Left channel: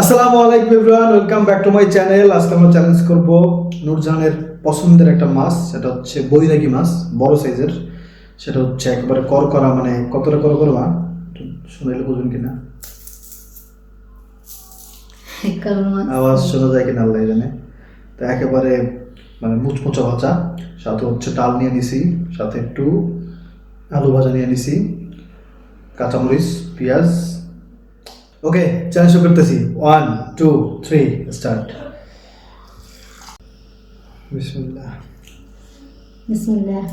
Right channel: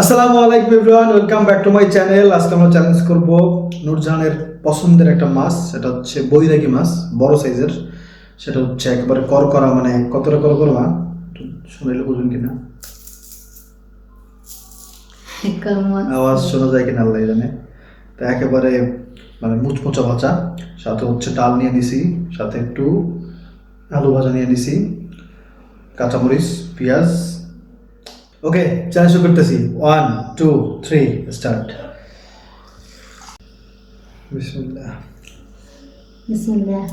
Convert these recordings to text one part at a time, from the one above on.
আসসালামু আলাইকুম everyone, welcome back to my channel. আজকে আমরা চ্যালেঞ্জ করব নূরজাহানের পছন্দের একটা মাছ, সেটা হচ্ছে বৈরাগী মাছ, বড় সাইজের। সেটা হচ্ছে একেবারে করকরা, মানে কতটা করকরা মা শুনাইলে বুঝবেন কিনা, আওয়াজ শোনা যায় কিনা আল্লাহ জানে। তো একেবারে মানে মুচমুচা ভাজা, সাথে হচ্ছে ডাল নিয়ে নিছি, সাথে একটু আলু ভাজা নিয়ে নিছি, কাঁচামরিচ, পেঁয়াজ। ওকে, চ্যালেঞ্জ শুরু করতেছি। 1 2 3 স্টার্ট। বিসমিল্লাহ। বিসমিল্লাহ।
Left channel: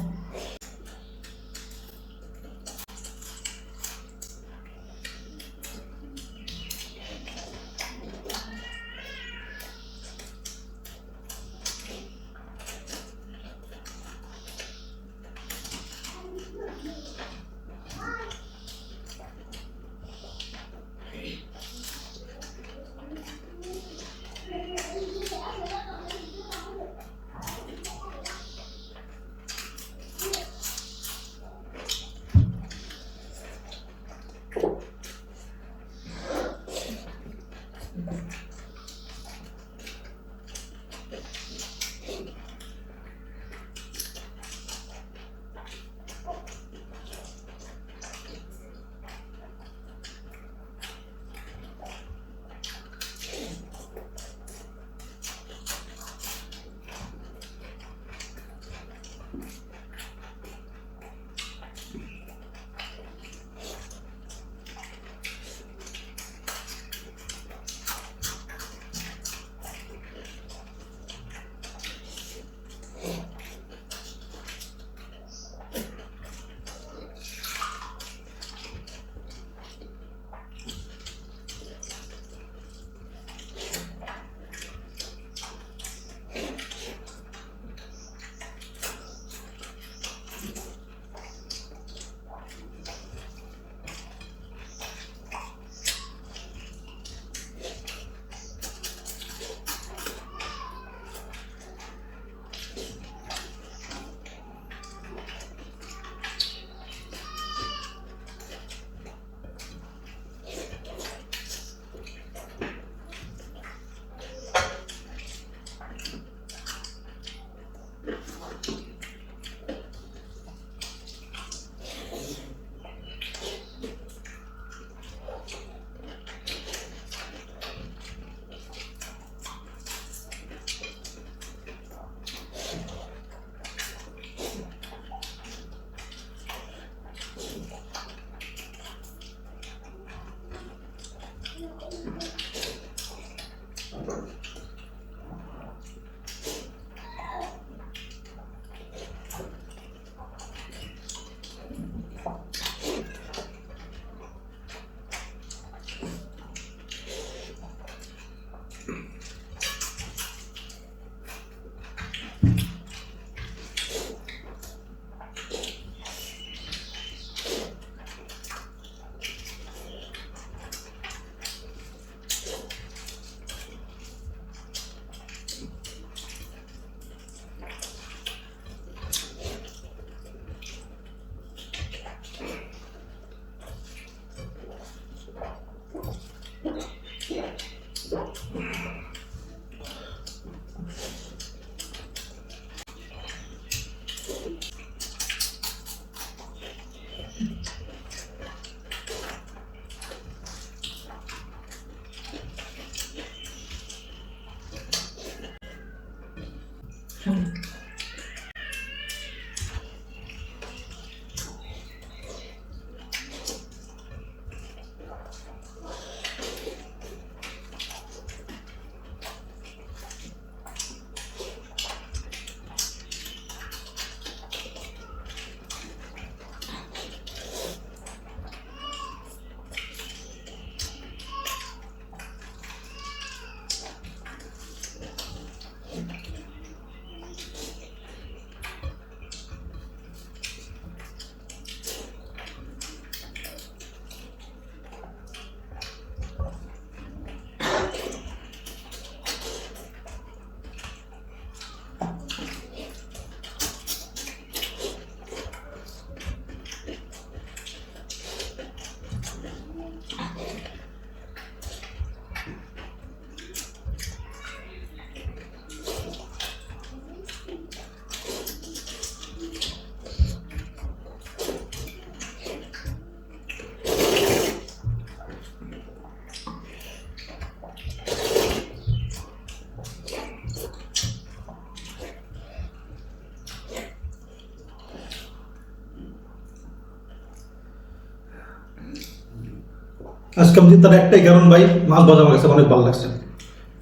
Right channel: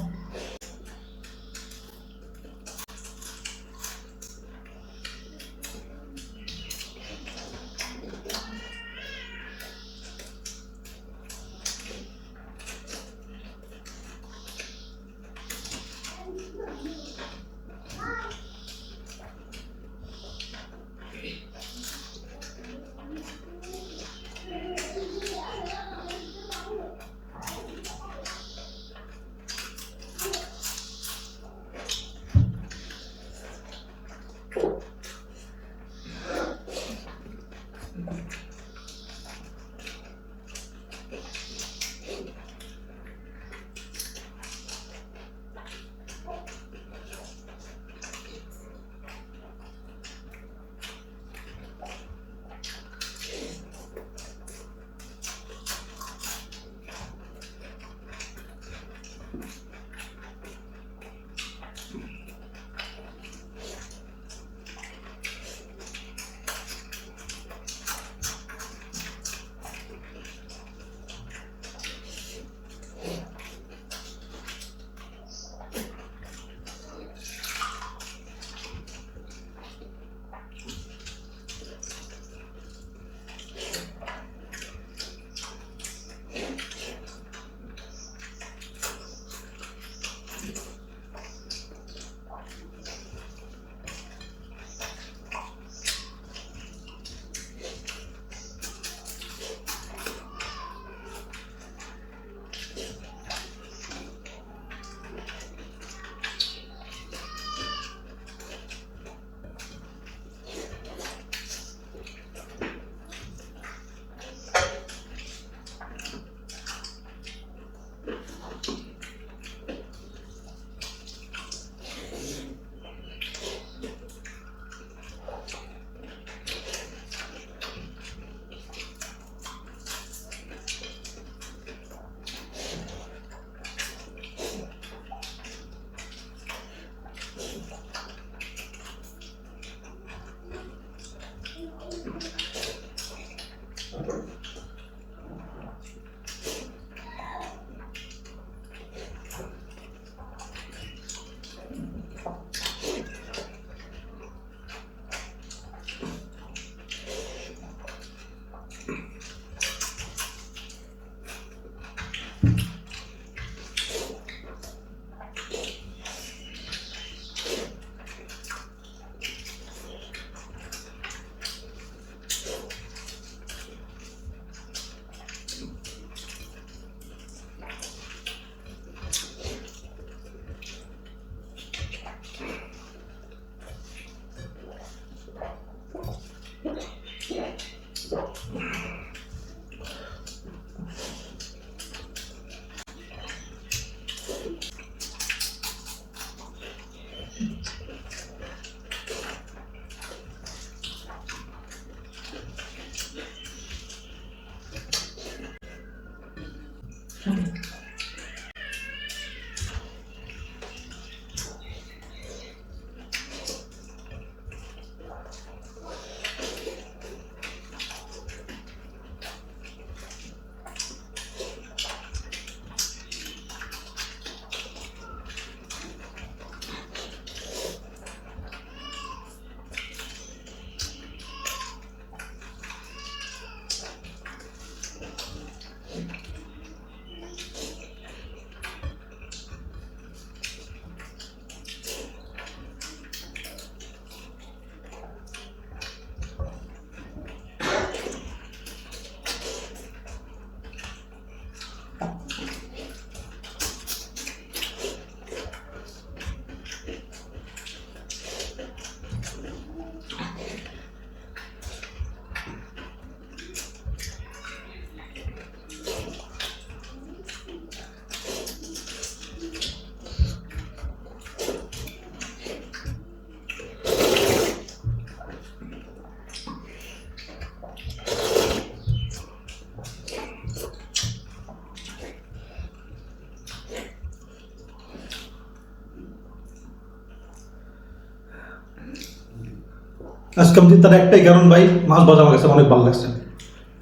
আজকে আমি তার একটাই কারণ ভাই, মাছ ভাজা আমার কাছে অনেক ভালো লাগছে,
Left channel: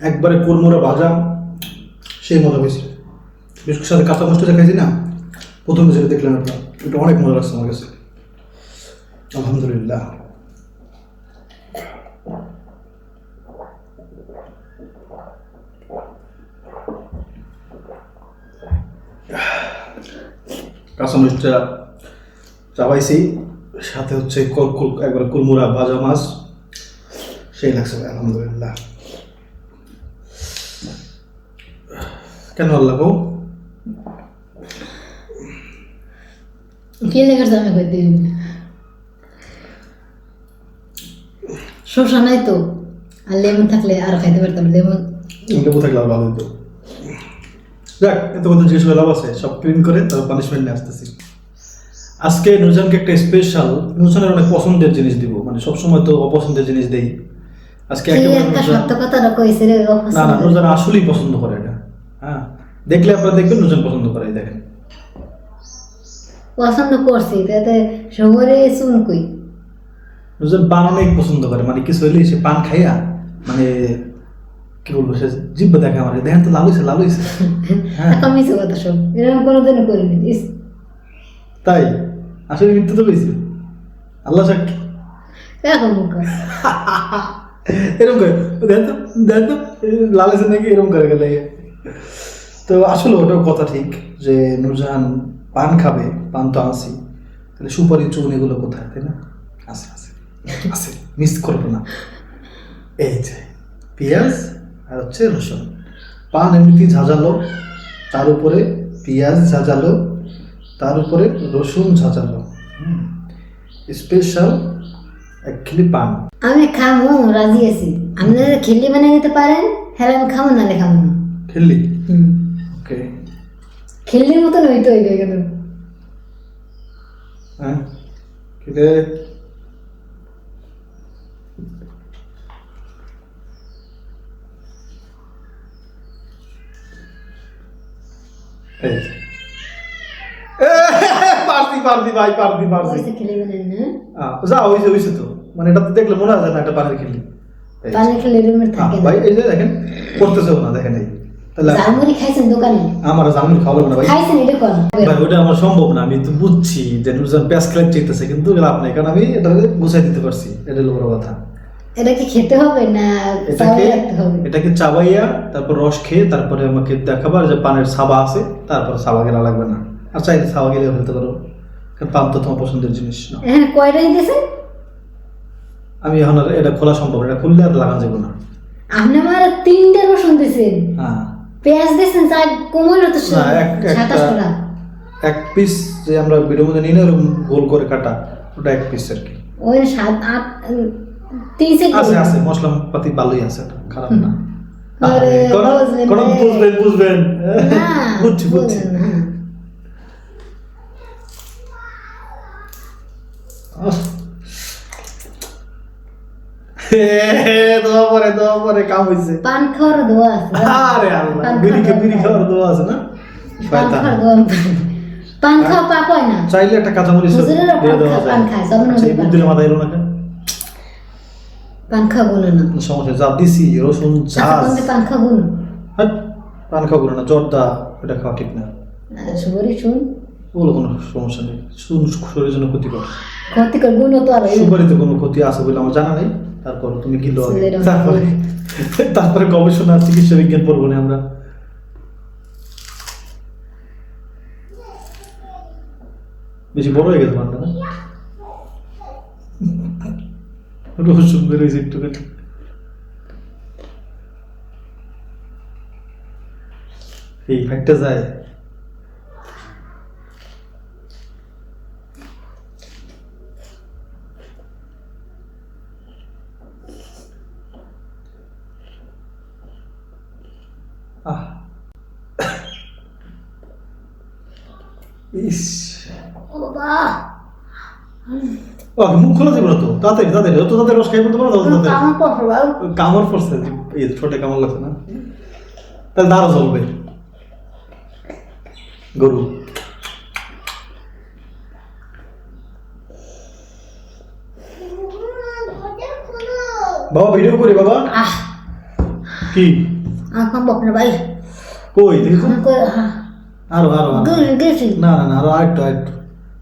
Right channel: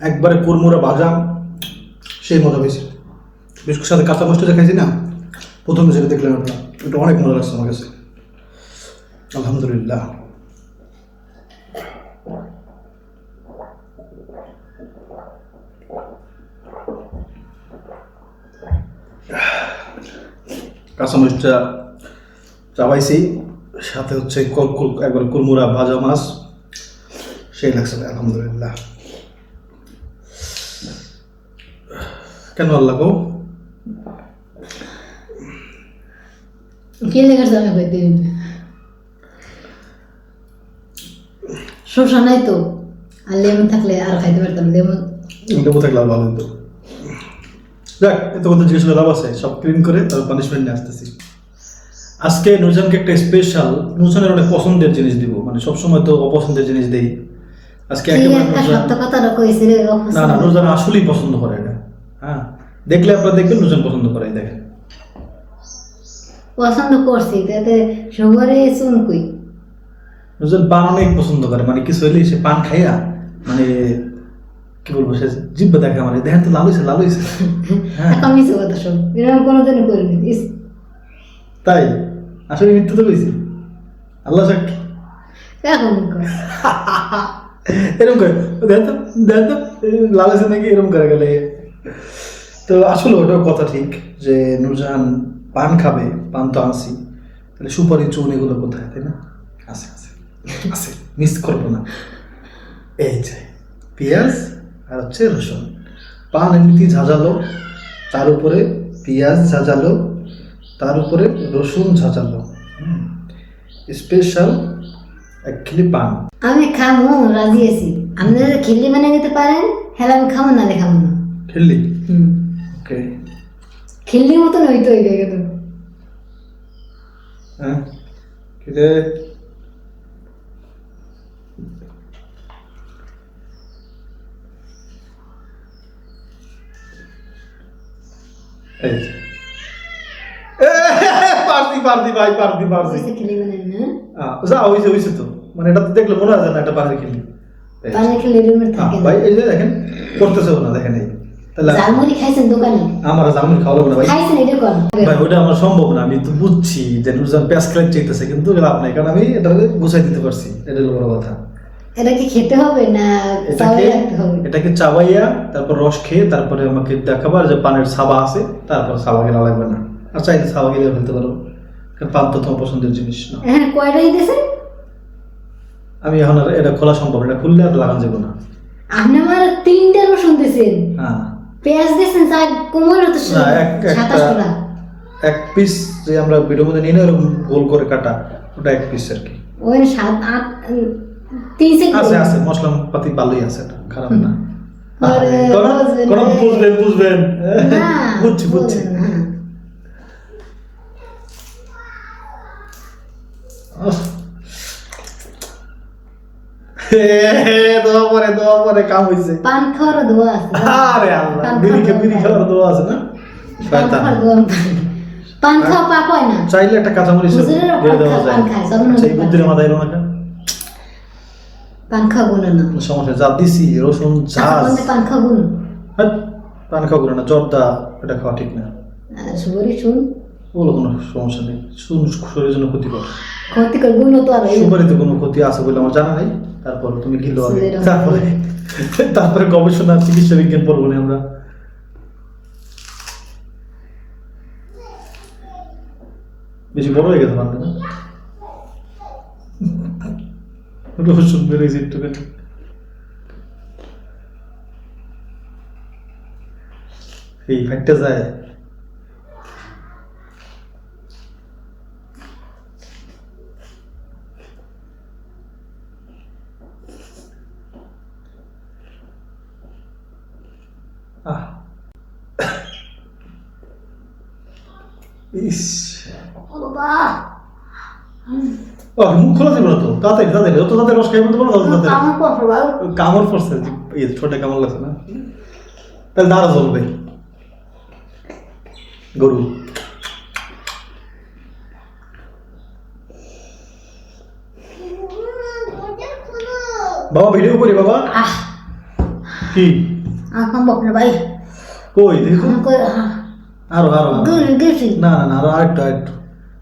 একবারে কুরমুরা ভাজা, সেই মজা পেয়েছি। বিস্কুটের সাথে কাঁচা মাছটা খাইছি না, প্রথমে যেটা দেখলাম আপনার, এটা অনেক মজা লাগছে আমার কাছে। আলহামদুলিল্লাহ। কাঁচামরিচটা চাবাইছি, সাথে হচ্ছে একবার কুরমুরা ভাজা মাছ, সেই লাগছে ভাই, আলহামদুলিল্লাহ। কেন আল্লাহ গো? কি লেগে জানা কই দিন শসা নাই তো, আর লেমন থাকলে আর খাইতে পারতাম। লেবু থাকলে আর ভালো হতো। যাক, এত কথা জিজ্ঞেস করে লাভ আছে, সব ক্লিন করে তবে পানিশমেন্ট নিয়ে আসতেছি। আজকে নুরজানকে একটা স্পেশাল, নুরজানের অনেক পছন্দের জিনিস দিব, মানে সবসময় তো অপছন্দের জিনিস দেই। আজকে একেবারে সত্য কথাটা কইছে রে। না না, নুরজান আসলেই পছন্দ করে এটা। হ্যাঁ, দেখলে আপনারা দেখবেন নুরজান পছন্দ করে। এই দেখেন, পছন্দ করছি, তাতে সবারই চুন কই। নুরজান পান অনেক পছন্দ করে, মানে কিছু হইলে সে পান খাইয়া, মানে কি বলবো, সে জিব্বা দেখে আমার, দেখেন তো লাল হয়েছে, লাল হয়েছে। হ্যাঁ, এখন মিছে কথা সব, এরকম কোনোদিন করিনি। তাই আসলে মিথ্যা তো কইছি, আল্লাহ সাক্ষী। এখন এরকম করে দেন তো, দেন তো লাল হয়েছে নাকি, এরকম করে গেলে। তো আসলে ওটাও কথা ঠিক যে নুরজাহান পান খাবে, পান তো আনছি, তাহলে সুপারি চুন এগুলো কোথায়, তাই না? আছে আছে আছে, মিস করবো না। এই যে পেঁয়াজ আর হচ্ছে রসুন, পান এমনিতেই ঝাঁঝালো, তার উপরে পেঁয়াজ ঝাঁঝালো, তার উপরে রসুন ঝাঁঝালো, স্পেশাল অ্যাকচুয়ালি পান। আমি খামো, রাজি আছি। আপনারা খিল্লি বানিয়ে দিতে পারেন, হ্যাঁ আমি খামো, নালে খামো না। খেললি? ওকে, খিল্লির মতন হইতে হইবে কিন্তু। হ্যাঁ কিরে, এই যে পারছি পারছি ভাই, পারছি পারছি। ওইসে খিল্লি বানাই না, যা হয়েছে হয়েছে তো, মানে এটা তো দেখলে মনে হয় না এটা পানির খেলি। পানি খেলে রুমের থাকে না। ভাই এই যে দেখেন, করতেছে না, দেখেন এই, তাহলে জালমুড়ি খাইছেন দোকানে? আমার জামুনি খাওয়া লাগবে না ভাই। খাইছেন এটা কোন? ভাই ওটা আমার সম্ভব না, আমি তো বুঝছি যে নুরজান পেঁয়াজ খেলে চাইতেছে, কিন্তু লাভ নেই, কারণ আমি এটা গুছাই দিতে পারছি, এটা হলো বড় কথা। এটা কি খেতে হবে না এটাকে চাবাই রাখতে হবে? এটাকে চাবাইয়া তারপর রস খেয়ে তারপরে আমাকে দেখাবার যে পানের ছাবা আছে, তারপর ছাবা গেলা লাগবে না, আর চাইলে ছাবা গেলে ফেলতে পারো, কারণ পান তো তোমার পছন্দের জিনিস না। হ্যাঁ, কয়টা দিতেছেন? আমি এখন আর এটা খোলা সম্ভব না, এটা খুললে আর লাগানো যাবে না। আপনি আমার 3টে রসুন দিয়েছেন, হ্যাঁ, পেঁয়াজ দিয়েছেন 4 কোমল, তো না, একটা 27 টাকা। এক পিস যে আমরা ভিডিওর মধ্যে নিই না, ওরকম গোল করে কাটা, ওটা এক পিস আর কি। ওই 7 8 3 সেট আছে আছে, মশলা পাতি ভালোই আছে, এটা খারাপ না। আরে, বুঝবেন কোন রে। বুঝবেন বুঝবেন, না, বুঝছি বুঝছি। বুঝবেন না। দোয়া পরে কাম হইছে। পান খাওয়ার দোয়া আছে। আরে আল্লাহ, পান বিড়ি খাওয়ার দোয়া আছে না? পান খাওয়ার দোয়া। পান খাওয়া পাপ হয় না। চাইলে একটা কাঁচামরিচ হুজুরেরা দিয়ে দেওয়া যায়। পান খায়, সব আচ্ছা, এই বুদ্ধির মাথায় এলো না কেন? পান খাবো না। সমস্যা, যা দিছি রসুন ঝাঁজ, পান খাবো না। হাট, পান খাবো না, জর্দা এটা খাওয়া ঠিক না। সুপারি শুন, ওগুলো কোনো সমস্যা নেই, শরীরের জন্য ক্ষতিকর। ক্ষতিকর গুণ তো আর সুপারিতে কোনো ক্ষতি আছে বলে আমার জানা নেই, তারপর তুমি গিলো আগে, সুপারি- তারপরে গবেষণা চিকিৎসা বিজ্ঞান পড়বো না আমরা। বেশি বড় হয়ে গেছে পানটা না, রসুন বেরোয়েছে একটুখানি। এই ফাইটটা যায়। আহ ইস, ও বাবা, মুখ খোলা যাবে না তো, তাড়াতাড়ি তাড়াতাড়ি, যত তাড়াতাড়ি রস খাই বলতে পারো তত তাড়াতাড়ি। আমার পছন্দ বাবা। কামড় পড়ছে, ছোট কামড় লাগছে না, তাহলে দাঁড়া চলবে গরু। বাবা ভিডিও করি বাবা। আহ কি আকাম বকনা ভাই কই দেখি তো। আমাকে আরো আরো আরো। গেছি না না না আরো আরেকটু আরেকটু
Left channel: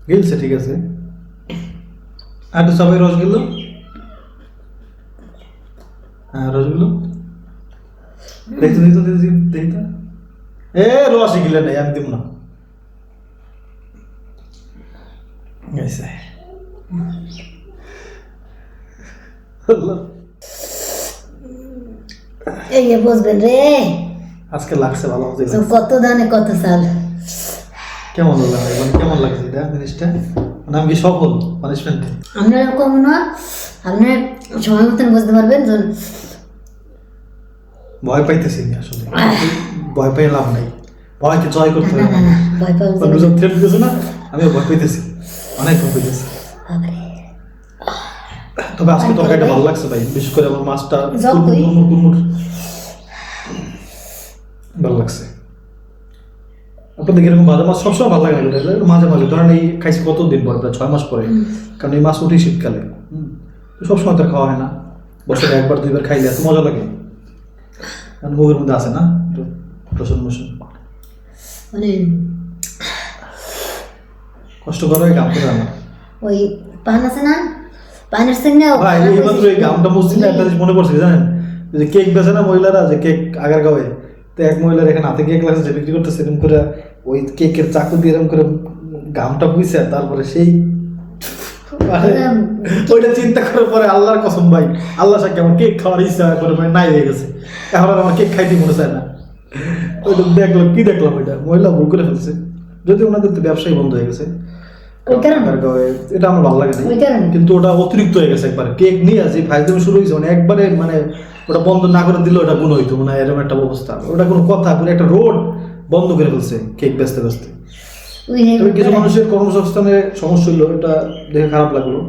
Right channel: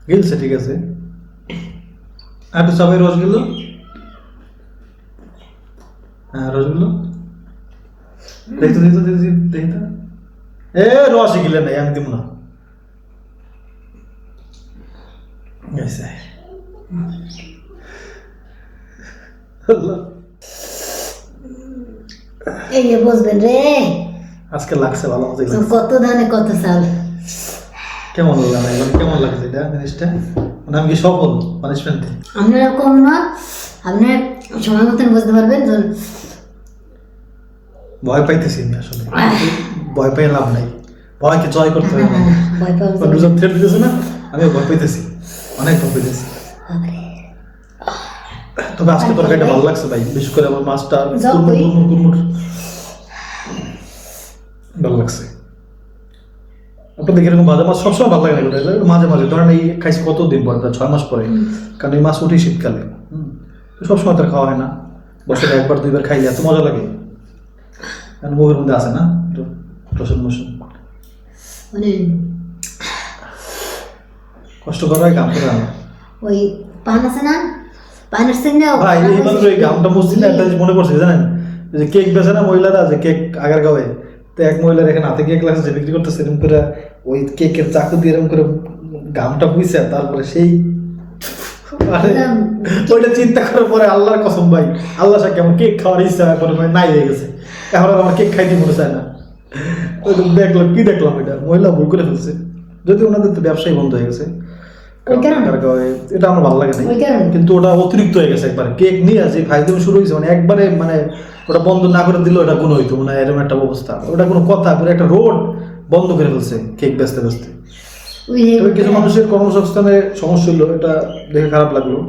গিলছে, ঠিক আছে। আরেকটু সবাই রসগুলো, হ্যাঁ রসগুলো দেখতো দেখতো দেখতো দেখতো। এ রসই গিলে নাই, আমি দিব না। গেছে। আল্লাহ। এই যে বসবেন রে, আজকে লাগছে ভালো মতো লাগছে। কত ধানে কত চাল। কেমন লাগলো মানে কেমন লাগছে এটা জিনিসটা, মানে আমি কি সফল পানিশমেন্টে? আপনারা কম না, আপনি সময় মতন বুঝতে পারবেন। ভয় পাইতেছি আমি আসলে, ভয় পেয়ে লাভ নাই, ভয়কে জয় করতে হবে। ভয় পাবেন রোজা থ্রেট দিতেছে না, আমিও ভয় পাইতেছি, অনেক ভয় পাইতেছি। তবে আজকে তরকারিটা ভালো লাগছে ভাই, বিশেষ করে আমার মাছটা কুরমুর ভালো লাগছে। আপনাদের এরকম ভাজা মাছ সবসময় ভালো লাগে না, এগুলো মাঝে মাঝে ধরেন এই খাইছি কতদিন পরে, প্রায় 6 মাস পরে, কারণ এই মাছ উঠি শীতকালে। সবসময় তার খাওয়া হয় না, বছরে 1-2 বার খাইলে এত মজা লাগে। কারণ মুখের মধ্যে আছে না একটু রসুন মসুন, মানে কষ্ট করা হয় কাম করে আমার। ওই পান আছে না, পানের সঙ্গে ভাই এই মাত্র এই গামটা মসজিদে একটা জিনিস মনে পড়ছে জানেন, যে কেক বেচে না মহিলারা, যে কেক আগার গাঁয়ে, তো এক মহিলার এখানে হাতে কেক লাগছে, যে বিক্রি করতেছে, এরকম করে ওই কেকের চাকু দিয়ে এরকম করে গামটা বুঝছে, তারপরে সেই ওইটা চিন্তা করার পরে আল্লাহর কসম ভাই, আল্লাহ সাক্ষী আমার কেক খাওয়ার ইচ্ছা করে মানে নাই হয়ে গেছে, এখন আর আমার কেক খাইতে মনে চায় না। ওইটা দেখলাম, কি দেখলাম, ওইটা মহিলা ভুল করে ফেলছে, যদি ওনাদের তো ব্যবসায় বন্ধ হয়ে গেছে। এটা আমার ভালো লাগে না, কিন্তু ওটা অতিরিক্ত হয়ে গেছে একবারে। কেক নিয়ে যে ফাইজলামি শুরু হয়েছে, মানে একবারে মানে ওটা বন্ধ না করে দিলে ওটা গুণ হইতো, মানে এরকম একটা অবস্থা। ওটা কোনো কথা, পুরো একটা রোড বন্ধ করে ফেলছে কেক বেচতে বেচতে। তবে কিছু মানুষের কর্মসংস্থানে সমস্যা হলো, এটা দেখে খারাপ লাগলো।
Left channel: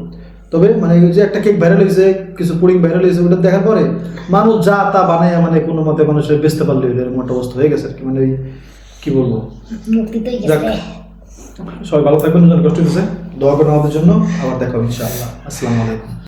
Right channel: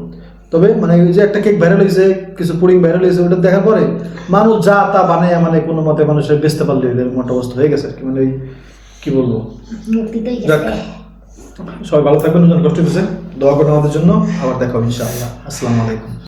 তবে মানে ওই যে একটা কেক ভাইরাল হয়েছে, কিছু পুডিং ভাইরাল হয়েছে, ওটা দেখার পরে মানুষ যা তা বানায়, মানে কোনো মতে মানুষের বেচতে পারলে এরকম একটা অবস্থা হয়ে গেছে আর কি। মানে ওই কি বলবো, যাক সবাই ভালো থাকবেন, কষ্ট হচ্ছে, দোয়া করুন আমাদের জন্য। আবার দেখা হবে ইনশাআল্লাহ। আসসালামু আলাইকুম।